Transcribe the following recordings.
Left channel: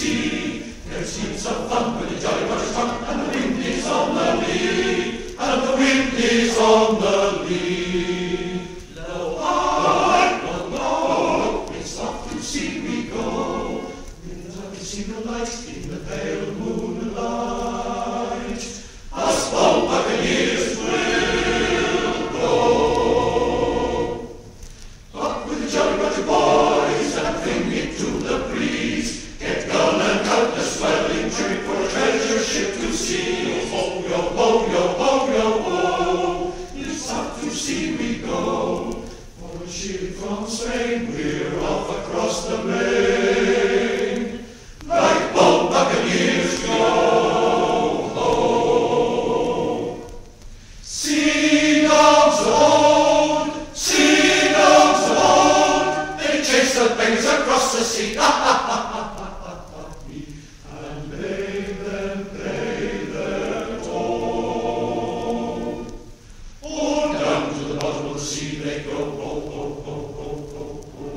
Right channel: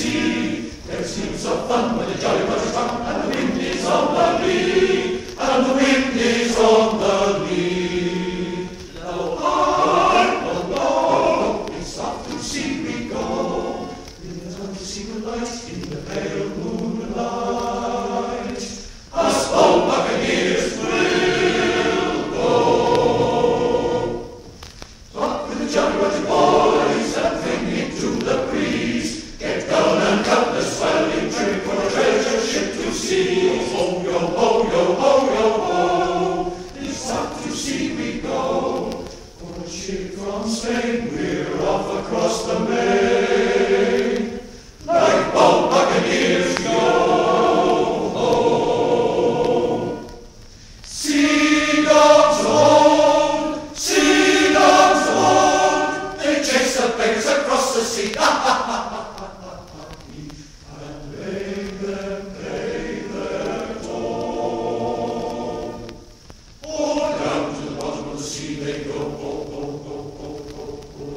sea. There seems of fun with a jolly much fun, and the wind is on the lee, and the wind is on the lee. Blow high, blow low, and soft to sea we go. In the dark to see the lights in the pale moonlight. Us bold buccaneers will go. Up with the jolly Roger boys and fling it to the breeze. Get gun and cut the swelling trip for the treasure ship to see. Ho, yo, ho, yo, ho, yo, ho. It's up to sea we go. For a ship from Spain, we're off across the main. Like bold buccaneers, yo ho. Sea dogs old, they chase the beggars across the sea. And pay them toll. Oh, down to the bottom of the sea they go. Ho, ho, ho, ho, ho, ho.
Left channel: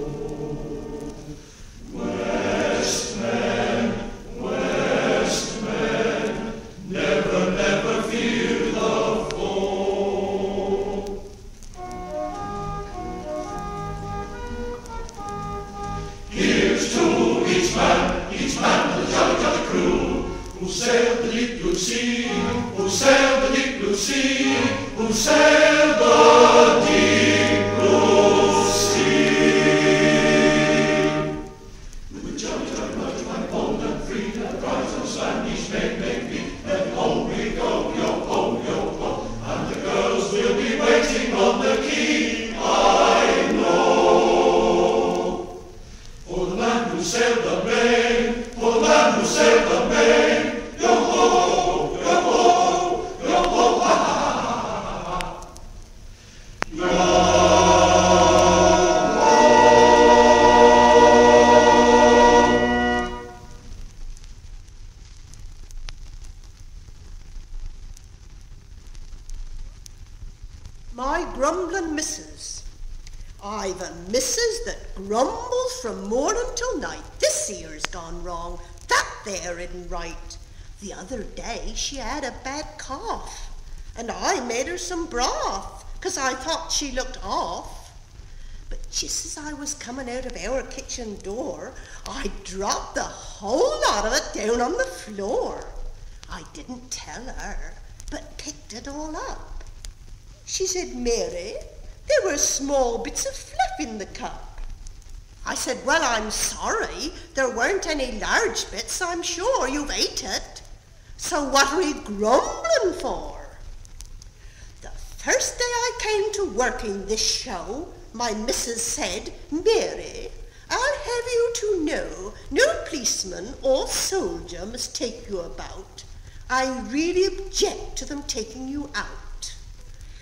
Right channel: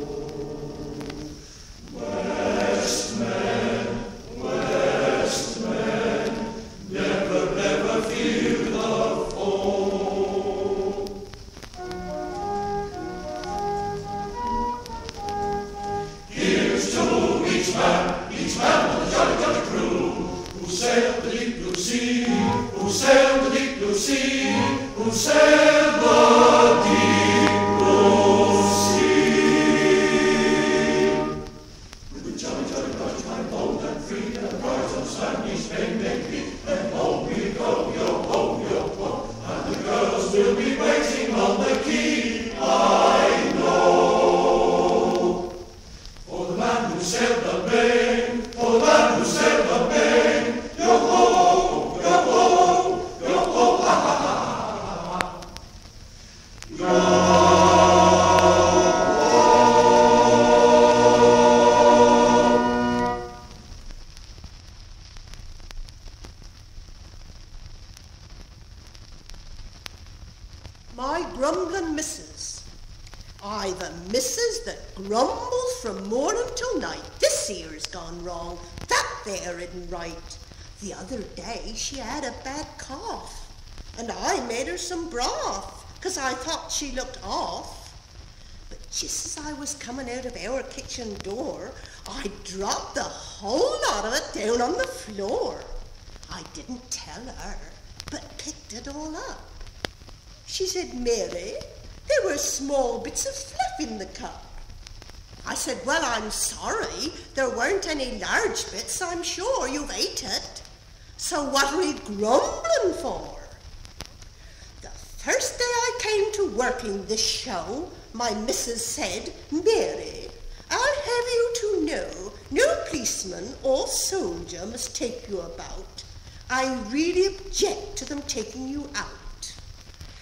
Westmen, never, never fear the foe. Here's to each man of the jolly, jolly crew, who sailed the deep blue sea, who sailed the deep blue sea, who sailed the deep blue sea. With jolly, jolly Roger, my bold and free, the brides of Spanish men may be, and home we go, yo ho, and the girls will be waiting on the quay, I know. For the man who sailed the main, for the man who sailed the main, yo ho, yo ho, yo ho, ha ha ha ha ha. Yo ho. My grumbling missus. Aye, the missus that grumbles from morning till night. This here's gone wrong, that there isn't right. The other day she had a bad cough, and I made her some broth, 'cause I thought she looked off. But just as I was coming out of our kitchen door, I dropped the whole lot of it down on the floor. I didn't tell her, but picked it all up. She said, "Mary, there were small bits of fluff in the cup." I said, "Well, I'm sorry, there weren't any large bits. I'm sure you've ate it. So what are you grumbling for?" The first day I came to work in this show, my missus said, "Mary, I'll have you to know no policeman or soldier must take you about. I really object to them taking you out."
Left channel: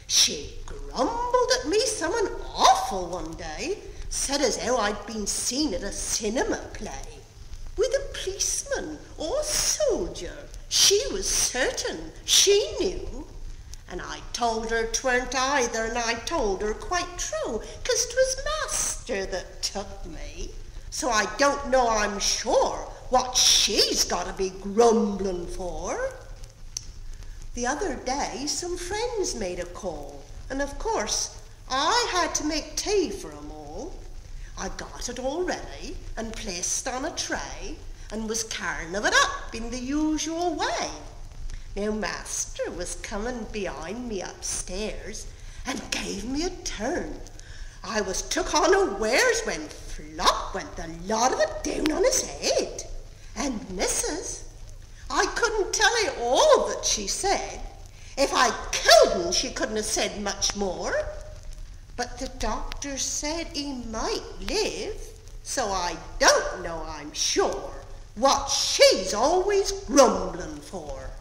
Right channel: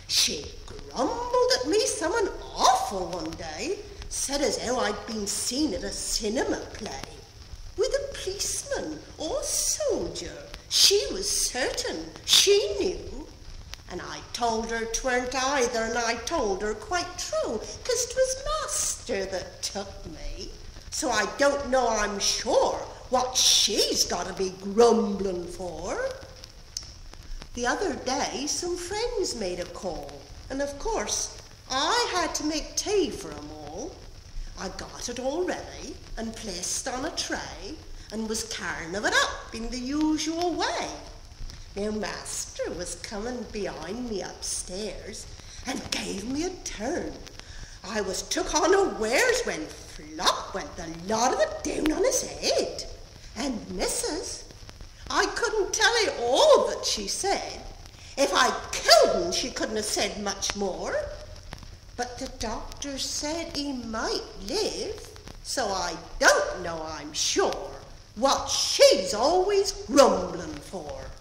She grumbled at me something awful one day, said as how I'd been seen at a cinema play with a policeman or soldier. She was certain she knew. And I told her 'tweren't either, and I told her quite true, 'cause 'twas master that took me. So I don't know, I'm sure, what she's got to be grumbling for. The other day some friends made a call, and of course I had to make tea for 'em all. I got it all ready and placed on a tray, and was carrying of it up in the usual way. Now master was coming behind me upstairs and gave me a turn. I was took unawares when flop went the lot of it down on his head. And missus, I couldn't tell you all that she said. If I killed him, she couldn't have said much more. But the doctor said he might live, so I don't know, I'm sure, what she's always grumbling for.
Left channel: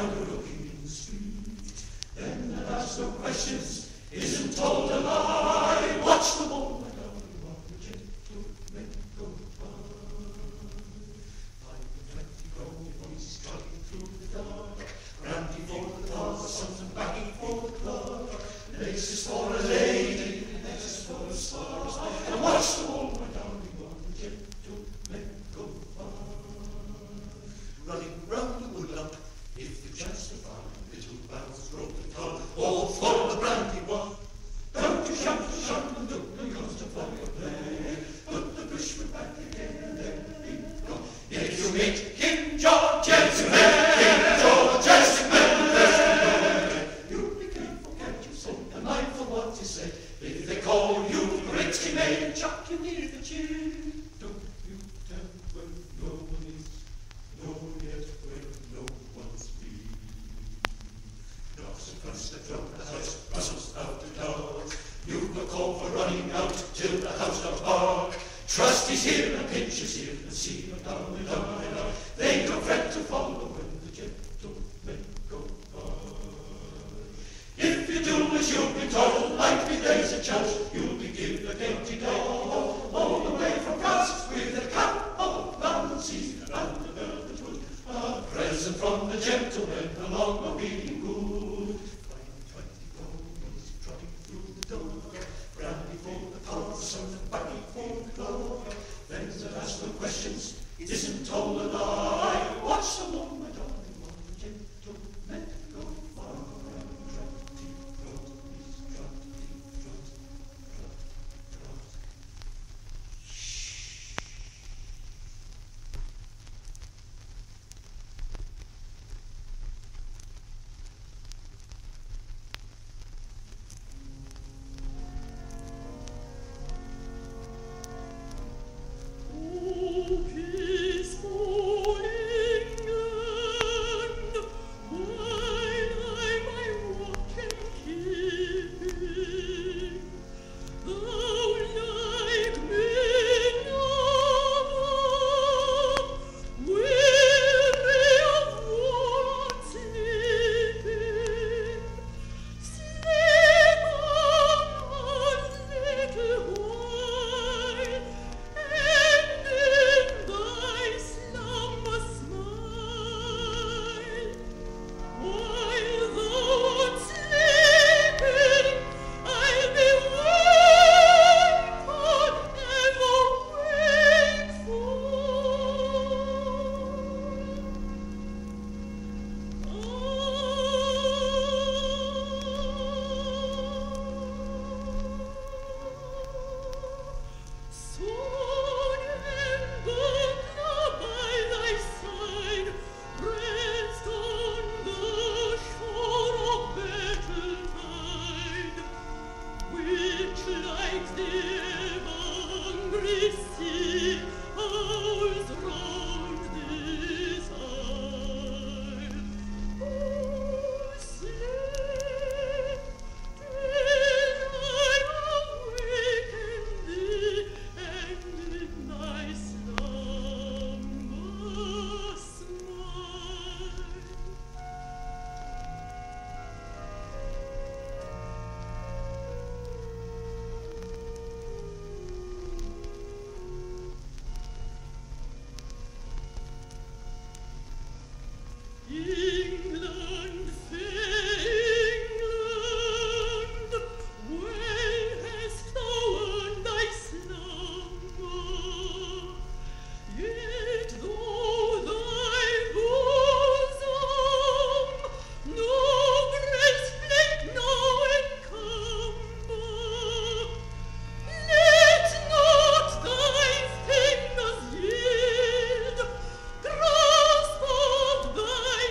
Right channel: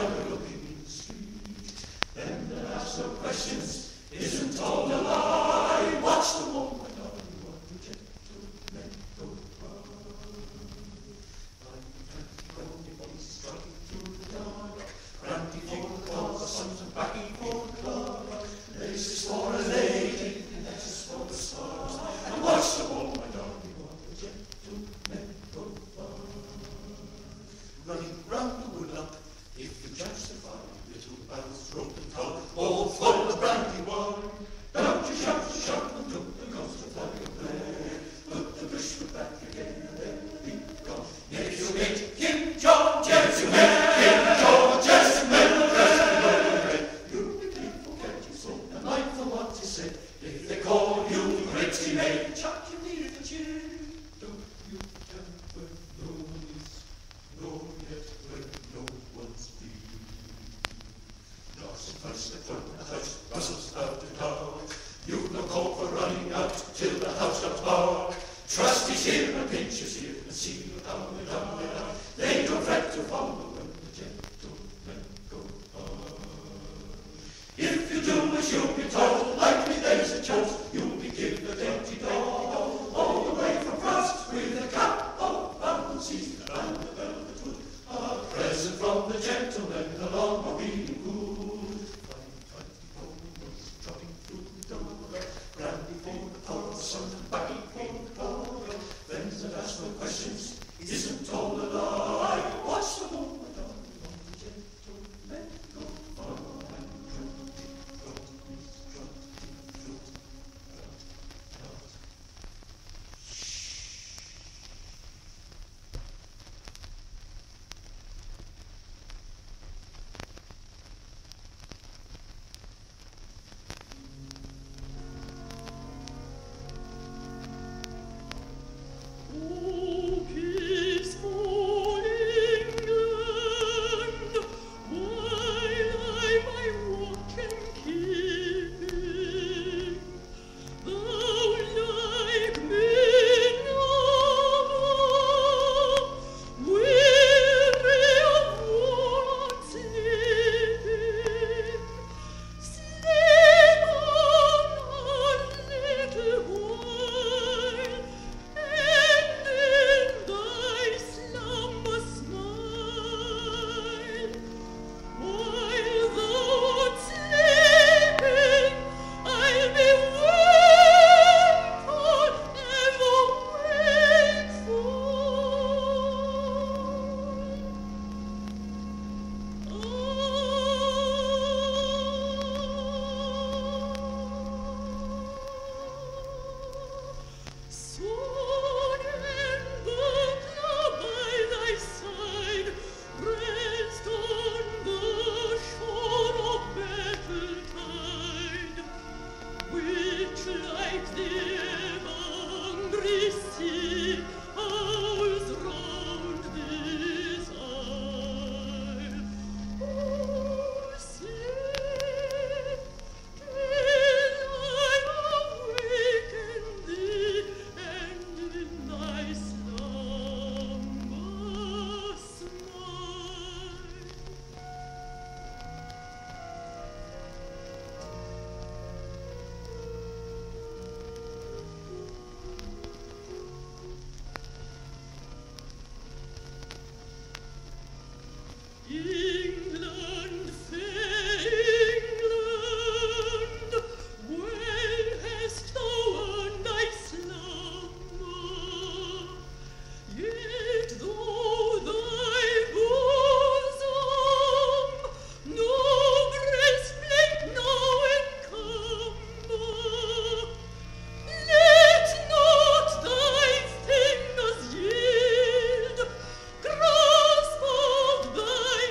driver looking in the street. Them that ask no questions isn't told a lie. Watch the wall, my darling, while the gentlemen go by. Like the 20 golden voices trotting through the dark, brandy for the cause, sons and backing for the clerk, laces for a lady, laces for the stars, and watch the wall, my darling, while the gentlemen go by. Running round the woodlump, if you chance to find little bells roll the car, all full of brandy wine. Don't you shout, and don't you come to fire play. Put the bushman back again and then be gone. If you meet King George, gentlemen, King George, gentlemen, you'll be careful, can't you say, and mindful what you say. If they call you Ritzy Maid, chuck you near the chin. Don't you tell when no one is, nor yet when no one's been. Knocks and punch the front of the house, rustles out the door. You've no call for running out till the house does bark. Trusty's here and Pincher's here and see them down and down and down. They don't fret to follow when the gentlemen go by. If you do as you've been told, likely there's a chance you'll be given a dainty doll all the way from France with a cup of bounces and a velvet hood. A present from the gentleman along will be good. Finding 20 golden boys trotting through the door, brandy for the poor, sons and backing for the cloak. Them that ask no questions isn't told a lie. Watch the wall, my darling, while the gentlemen go by. Trotty, trot, miss, trotty, trot, trot, trot. Oh, peaceful England, while I my watch am keeping, thou like me never, weary of war and sleeping, sleep on us little while, and in thy slumber smile. While thou art sleeping, I'll be wakeful, ever Sword and buckler by thy side, rest on the shore of battle-tide, which like the ever-hungry sea howls round this isle. Oh, sleep till I awaken thee, and in thy slumber smile. England, fair England, well hast thou earned thy slumber, yet though thy bosom no breastplate now encumber, let not thy fingers yield grasp of thy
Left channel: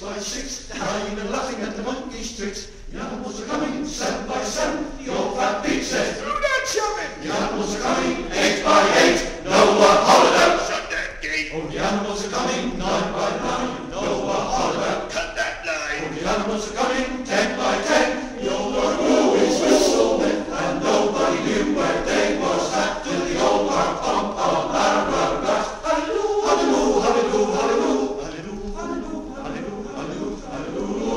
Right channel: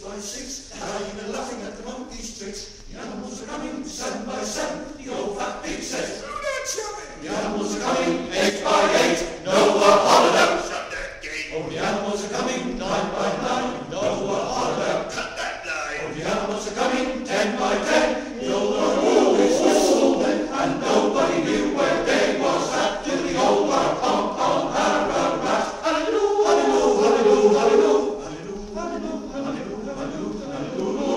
6 by 6, crying and laughing at the monkey's tricks. The animals are coming 7 by 7, the old fat pig says, "Do not shove it!" The animals are coming 8 by 8, Noah Holladow, shut that gate. Oh, the animals are coming 9 by 9, Noah Holladow, cut that line. Oh, the animals are coming 10 by 10, the old one always whistled then, and nobody knew where day was at till the old one pom pom barrel rat. Hallelujah, hallelujah, hallelujah, hallelujah, hallelujah, hallelujah, hallelujah, hallelujah.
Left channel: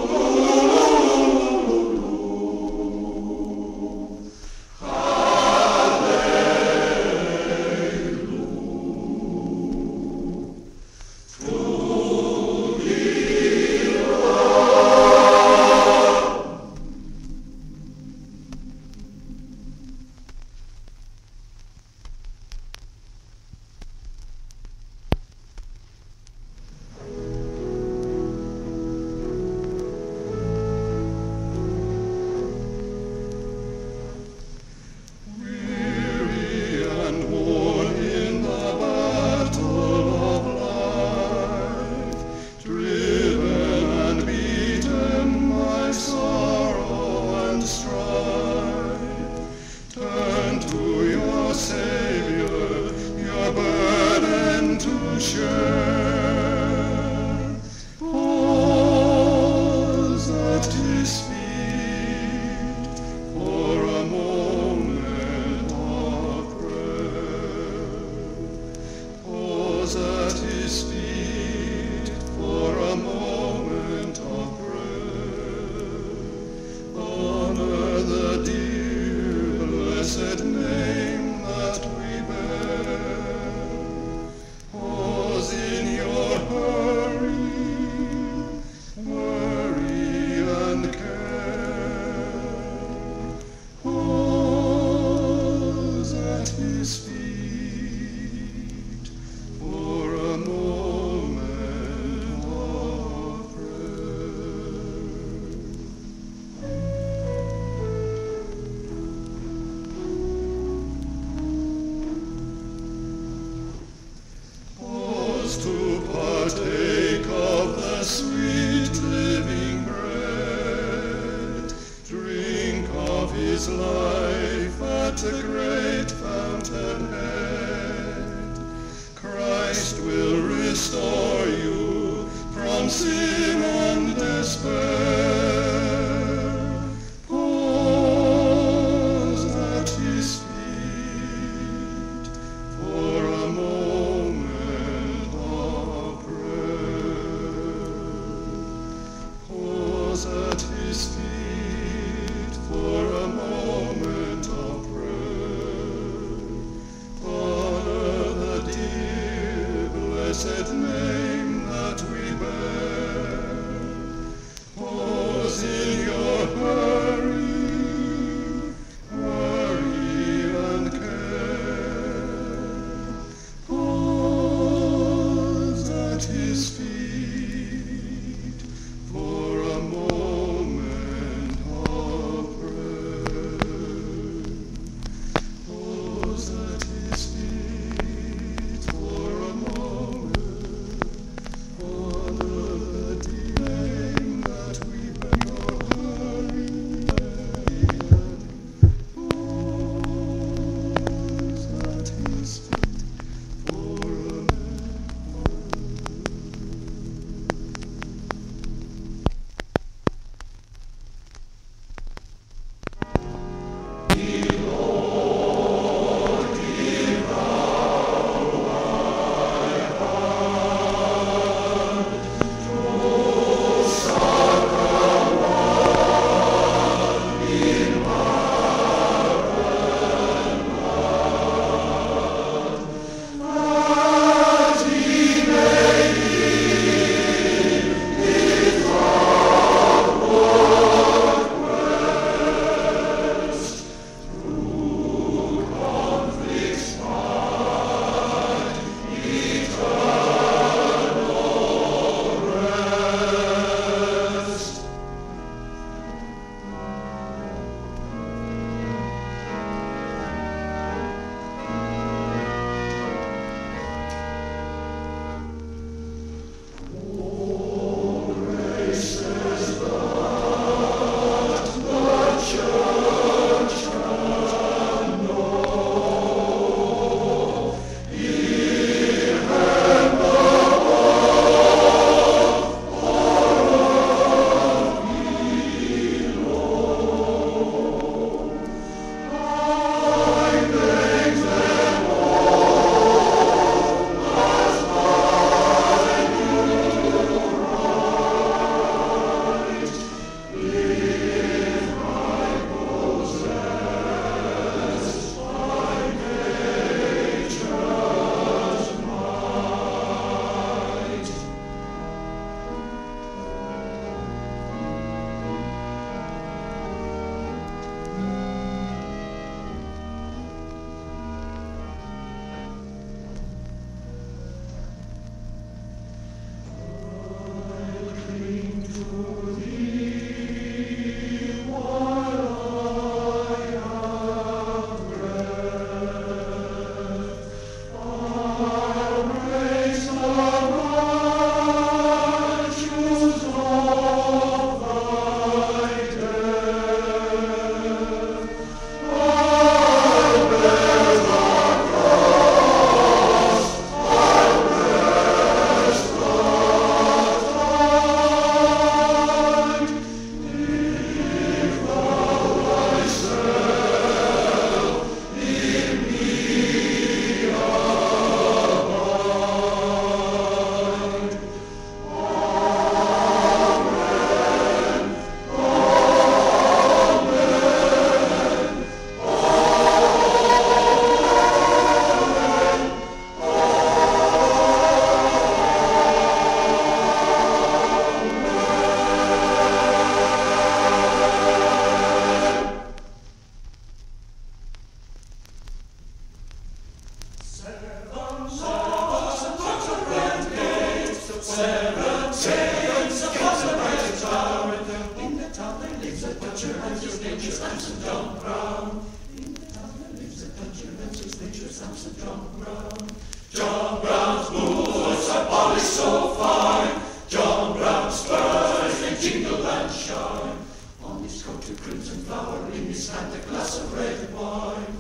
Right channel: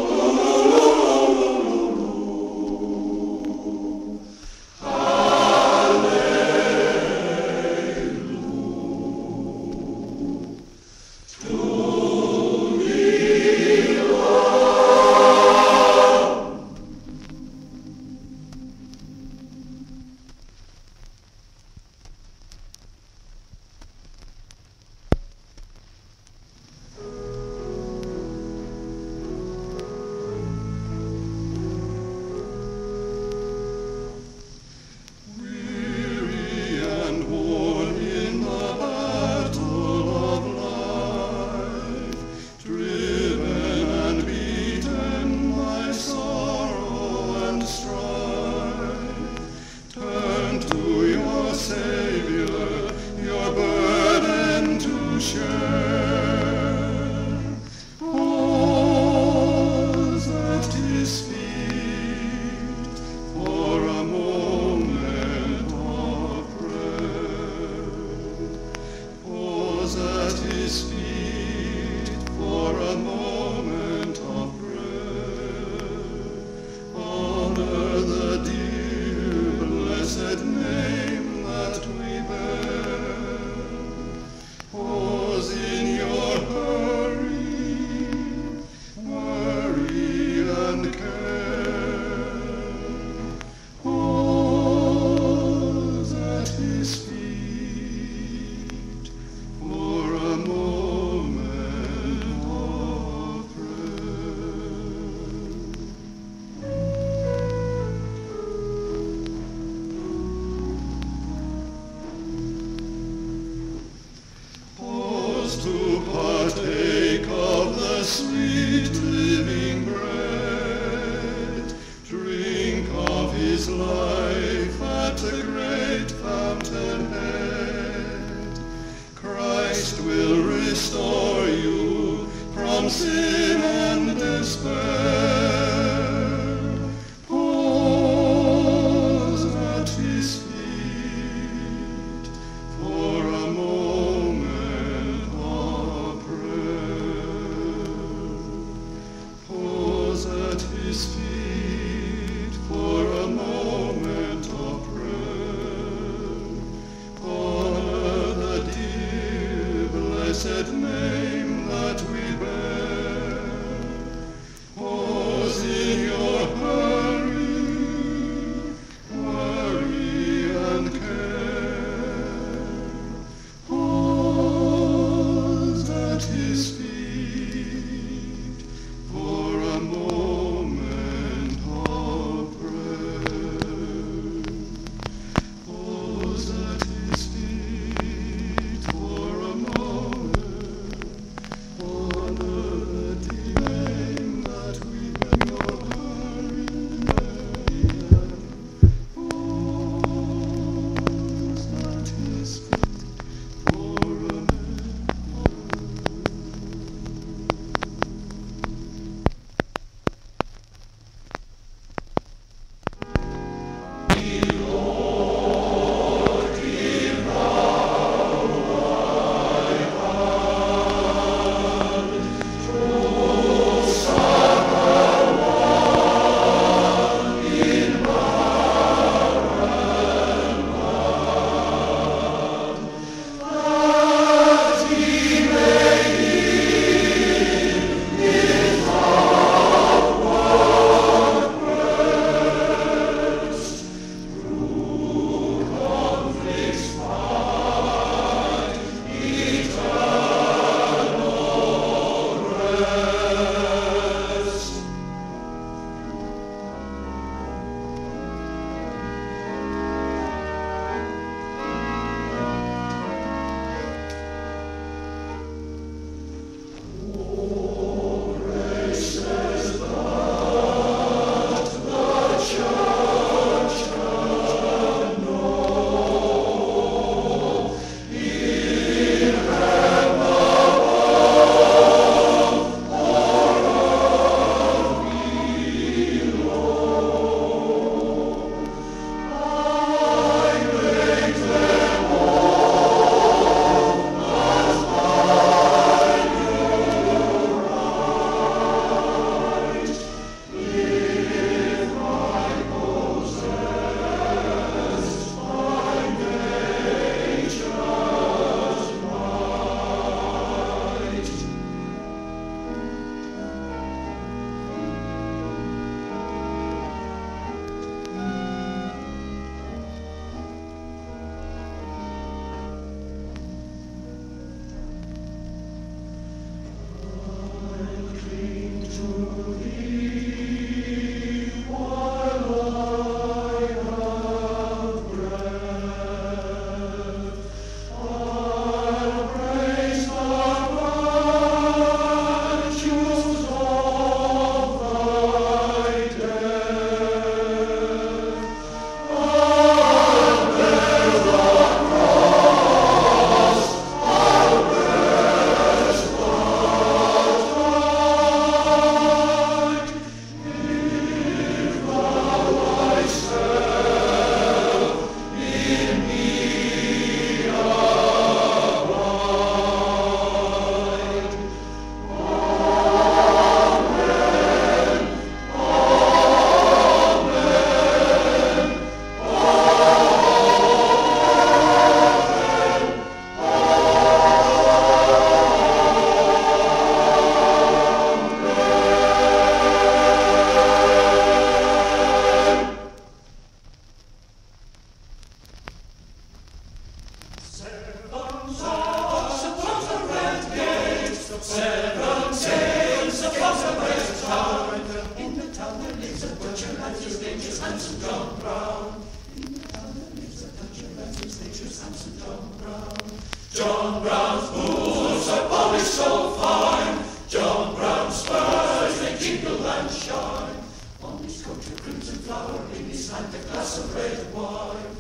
7 sails across the bright town. In the town there lives a butcher and his nature's handsome John Brown. In the town there lives a butcher and his nature's handsome John Brown. John Brown's boots are polished so fine. John Brown's spurs they jingle and shine. On his coat a crimson flower, in his hand a glass of red wine.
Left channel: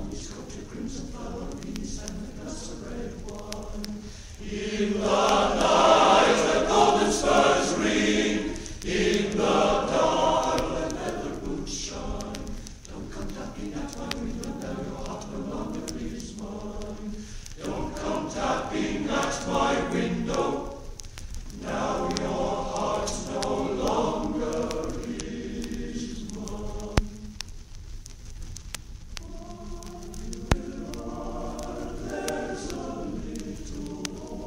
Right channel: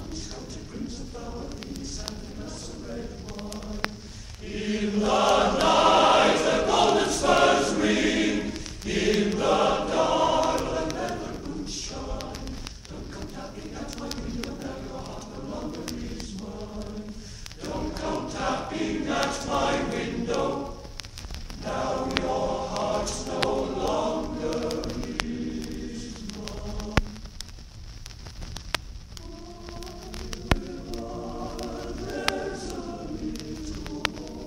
On his coat a crimson flower, in his hand a glass of red wine. In the night the golden spurs ring. In the dark the leather boots shine. Don't come tapping at my window, now your heart no longer is mine. Don't come tapping at my window, now your heart no longer is mine. There's a little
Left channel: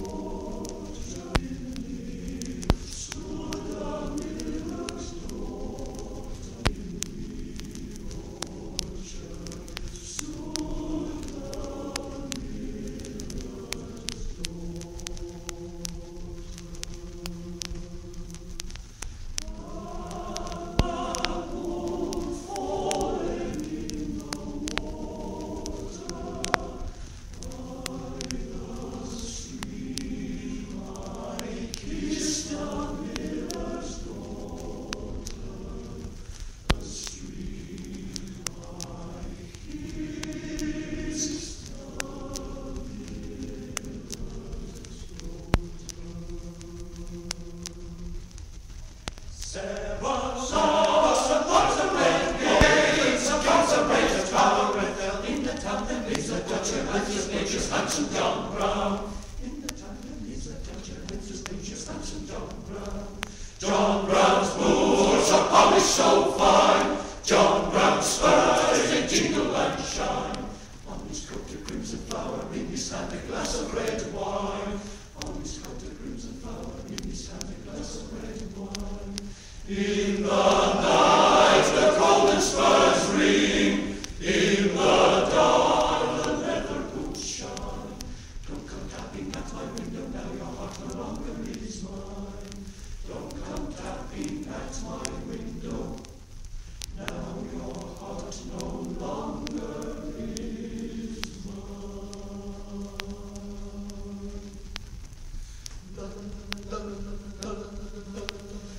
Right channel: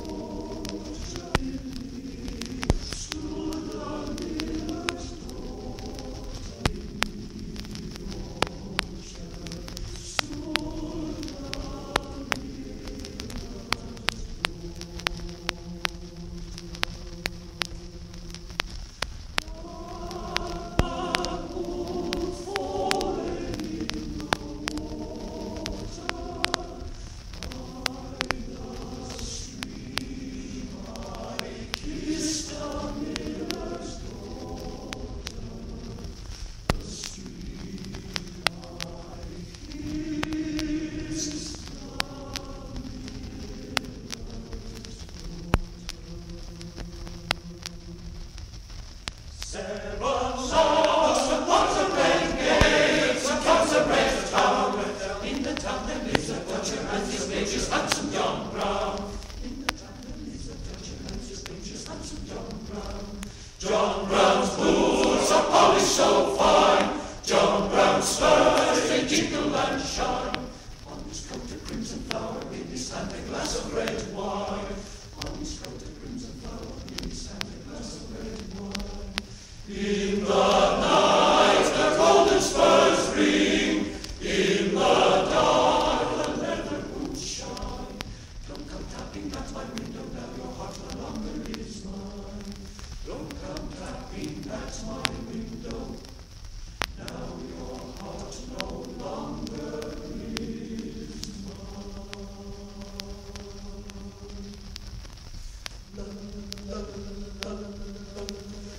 orchard in me, stood a miller's daughter in the orchard, stood a miller's John Brown's boots are polished so fine. John Brown's spurs they jingle and shine. On his coat a crimson flower, in his hand a glass of red wine. On his coat a crimson flower, in his hand a glass of red wine. In the night the golden spurs ring. In the dark the leather boots shine. Don't come tapping at my window, now your heart no longer is mine. Don't come tapping at my window, now your heart no longer is mine.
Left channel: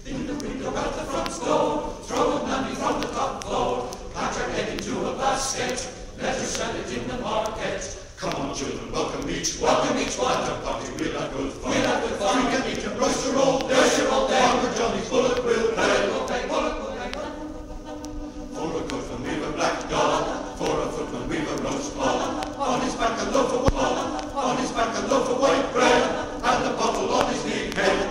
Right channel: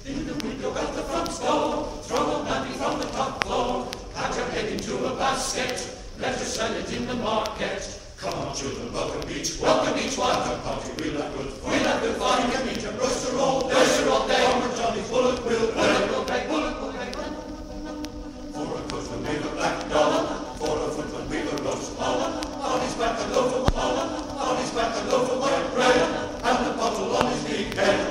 In the window at the front door, throw a money from the top floor, pat your head into a basket, let her sell it in the market. Come on, children, welcome each one. The party we'll have good fun. We can eat a roaster all day. Our Johnny's bullock will pay. For a coachman we've a black dollar. For a footman we've a roast collar. On his back a loaf of wallet. On his back a loaf of white bread. And a bottle on his knee head.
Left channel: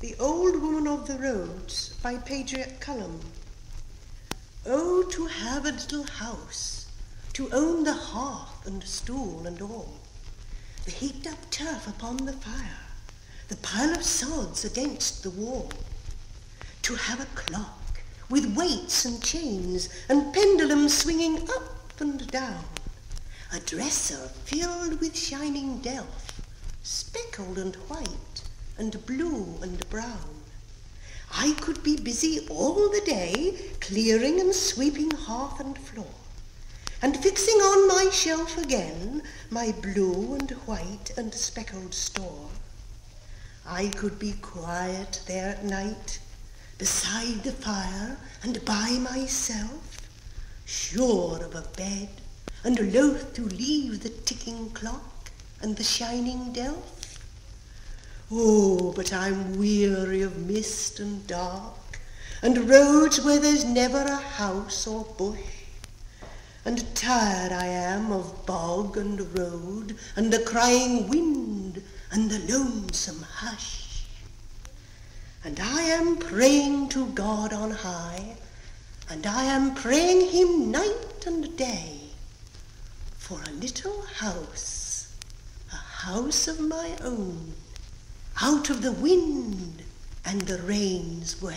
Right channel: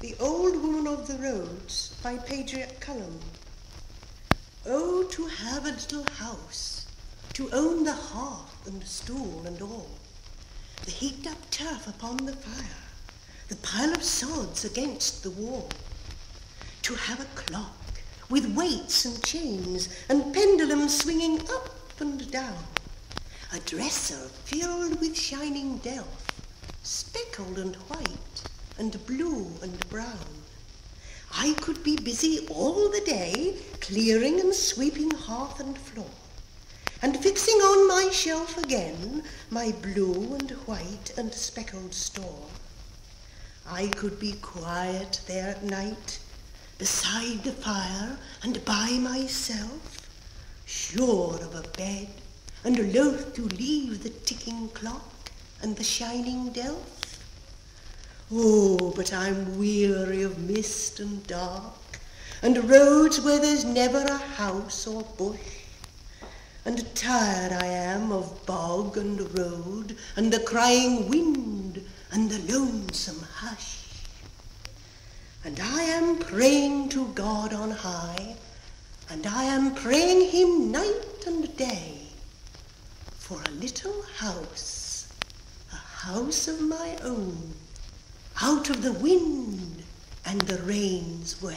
The Old Woman of the Roads by Patriot Cullum. Oh, to have a little house, to own the hearth and stool and all, the heaped up turf upon the fire, the pile of sods against the wall, to have a clock with weights and chains and pendulums swinging up and down, a dresser filled with shining delf, speckled and white and blue and brown. I could be busy all the day, clearing and sweeping hearth and floor, and fixing on my shelf again my blue and white and speckled store. I could be quiet there at night, beside the fire and by myself, sure of a bed and loath to leave the ticking clock and the shining delf. Oh, but I'm weary of mist and dark, and roads where there's never a house or bush, and tired I am of bog and road, and the crying wind, and the lonesome hush. And I am praying to God on high, and I am praying him night and day, for a little house, a house of my own, out of the wind and the rain's way.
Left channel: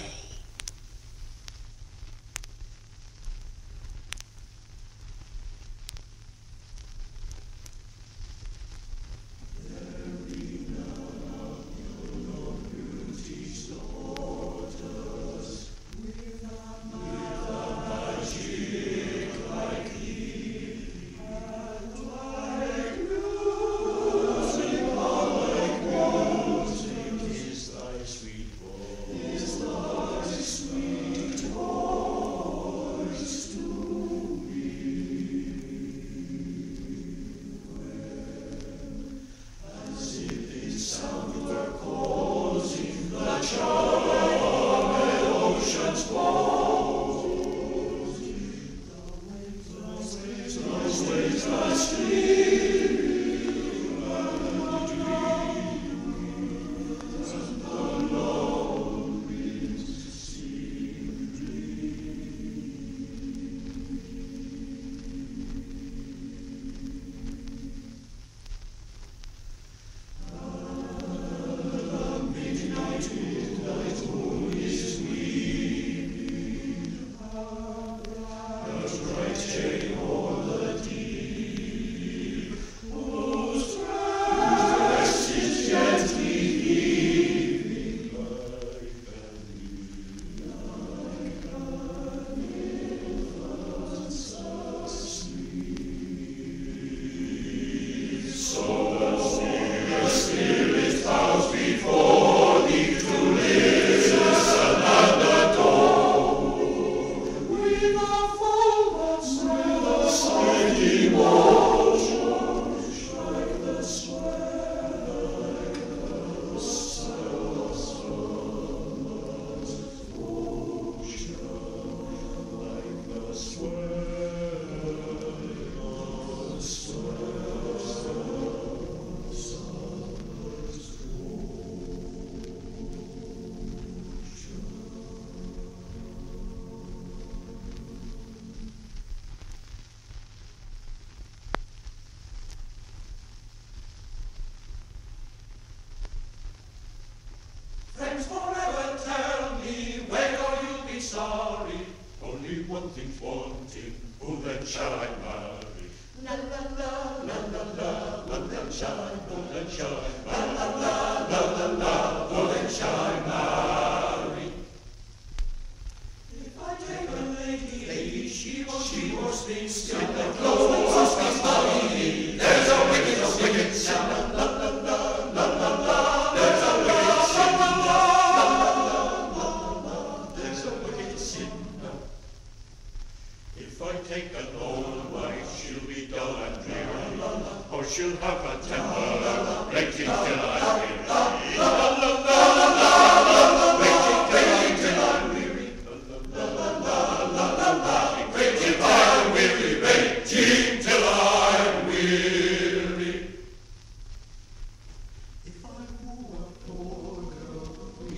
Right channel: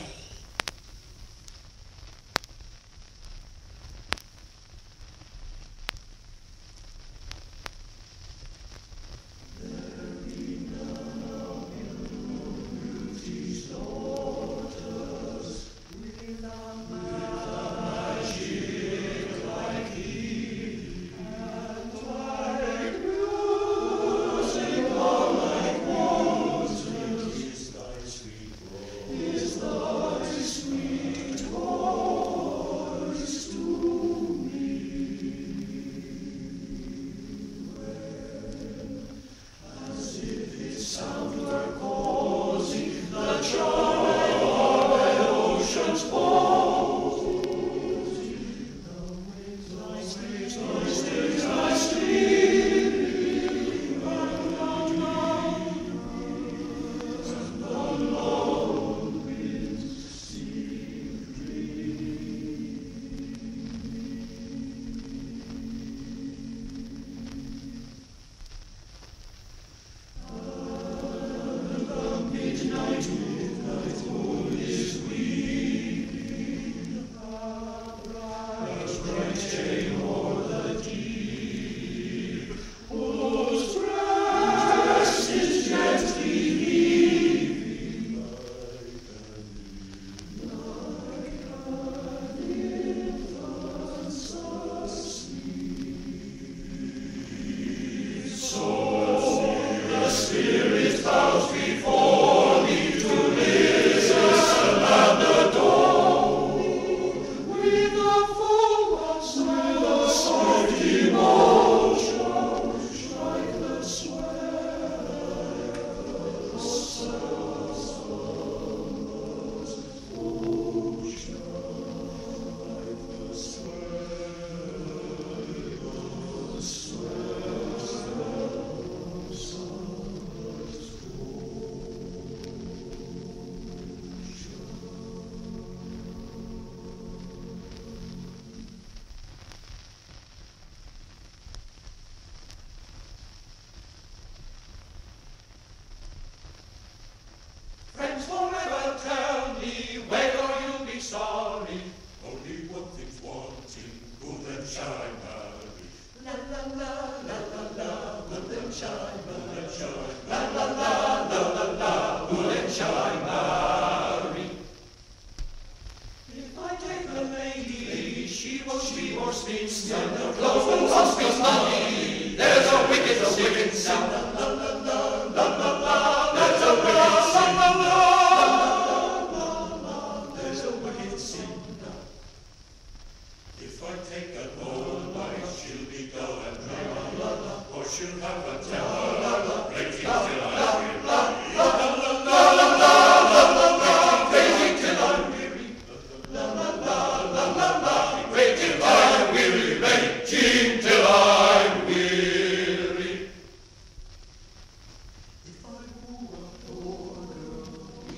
If I woo a poor girl, we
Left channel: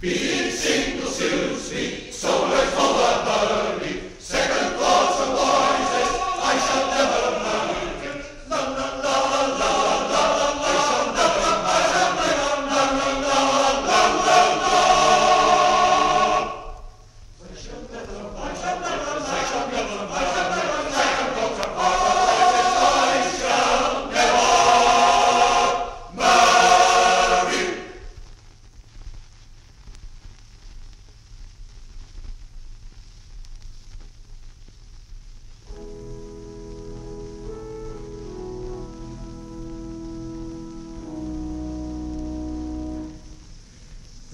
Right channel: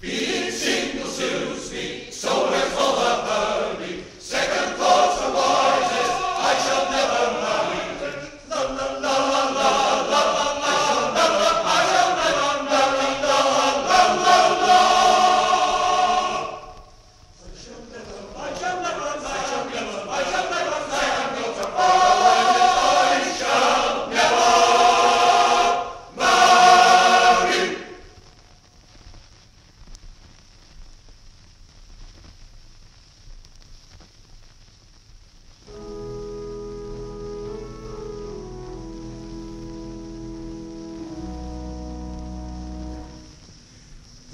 Being single suits me, so we're full of hurry. Second thoughts are wisest, I shall never hurry. La la la la la la la, I shall never, la la la la la. I shall never, second thoughts are wisest, I shall never marry.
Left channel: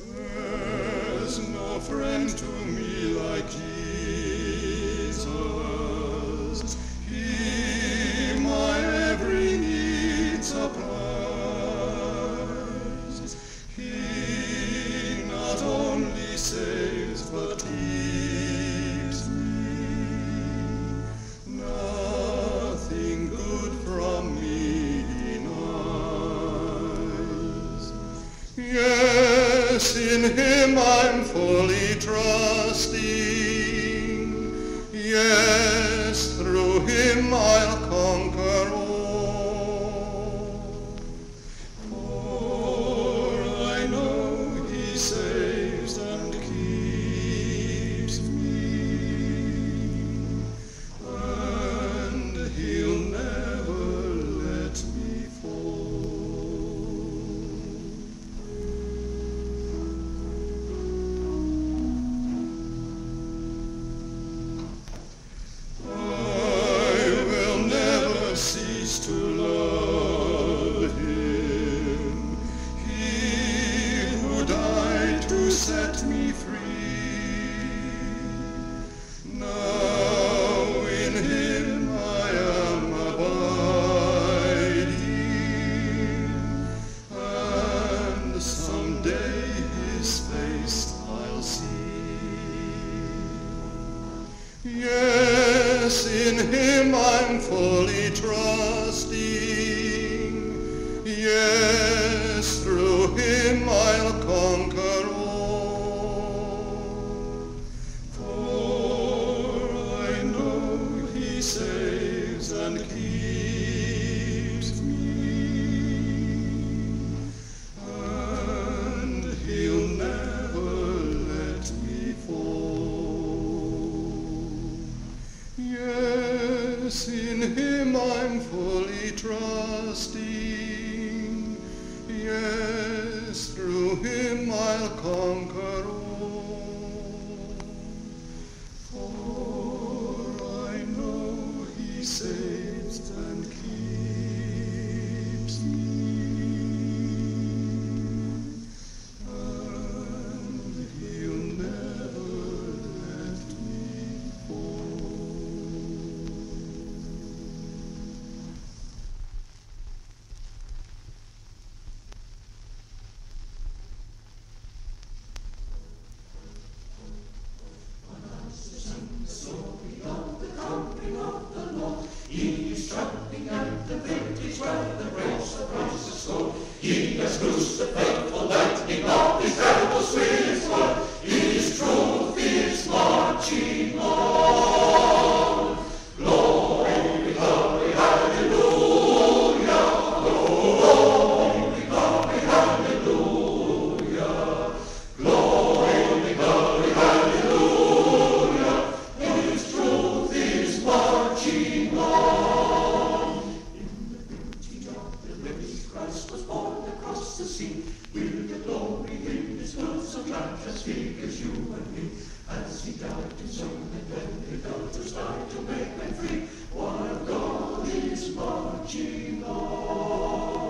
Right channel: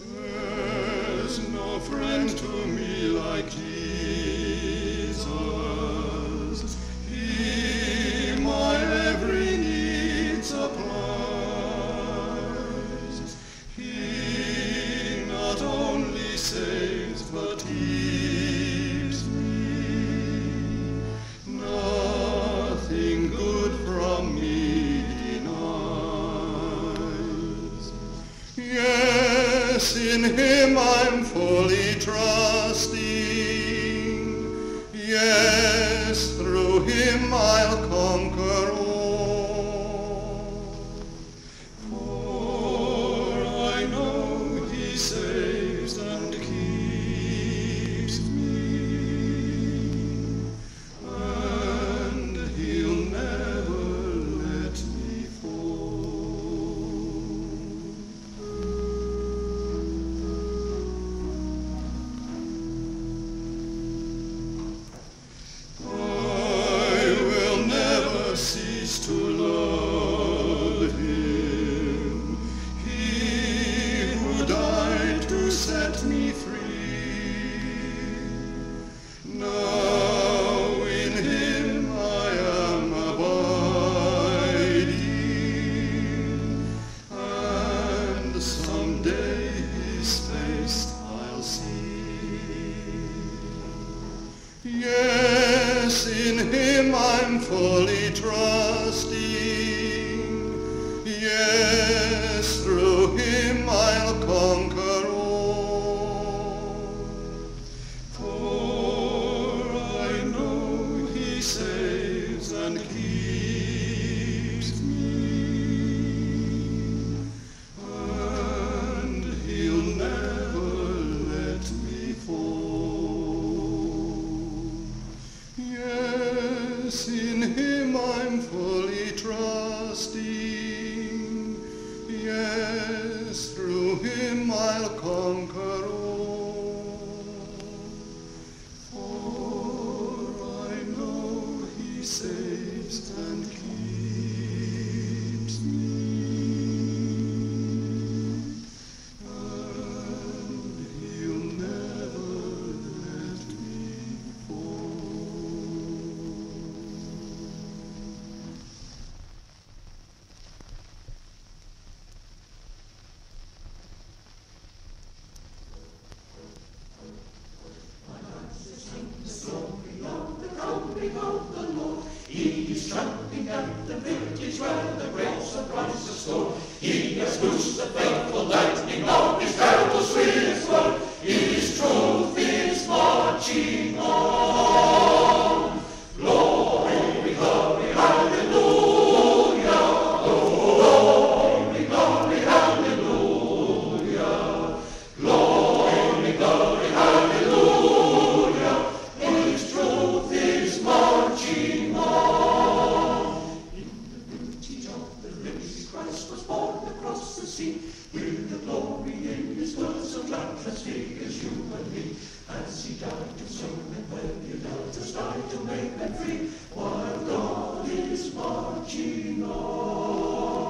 There's no friend to me like Jesus. He my every need supplies. He not only saves but heals me. Nothing good from me denies. Yes, in him I'm fully trusting. Yes, through him I'll conquer all. For I know he saves and keeps me, and he'll never let me fall. I will never cease to love him, he who died to set me free. Now in him I am abiding, and someday his face I'll see. Yes, in him I'm fully trusting. Yes, through him I'll conquer all. For I know he saves and keeps me, and he'll never let me fall. Yes, in him I'm fully trusting. Yes, through him I'll conquer all. For I know he saves and keeps me, and he'll never let me fall. Christ was born across the sea, with the glory in his world so transfigured as you and me. As he died to sing and when the elders died to make men free, while God is marching on.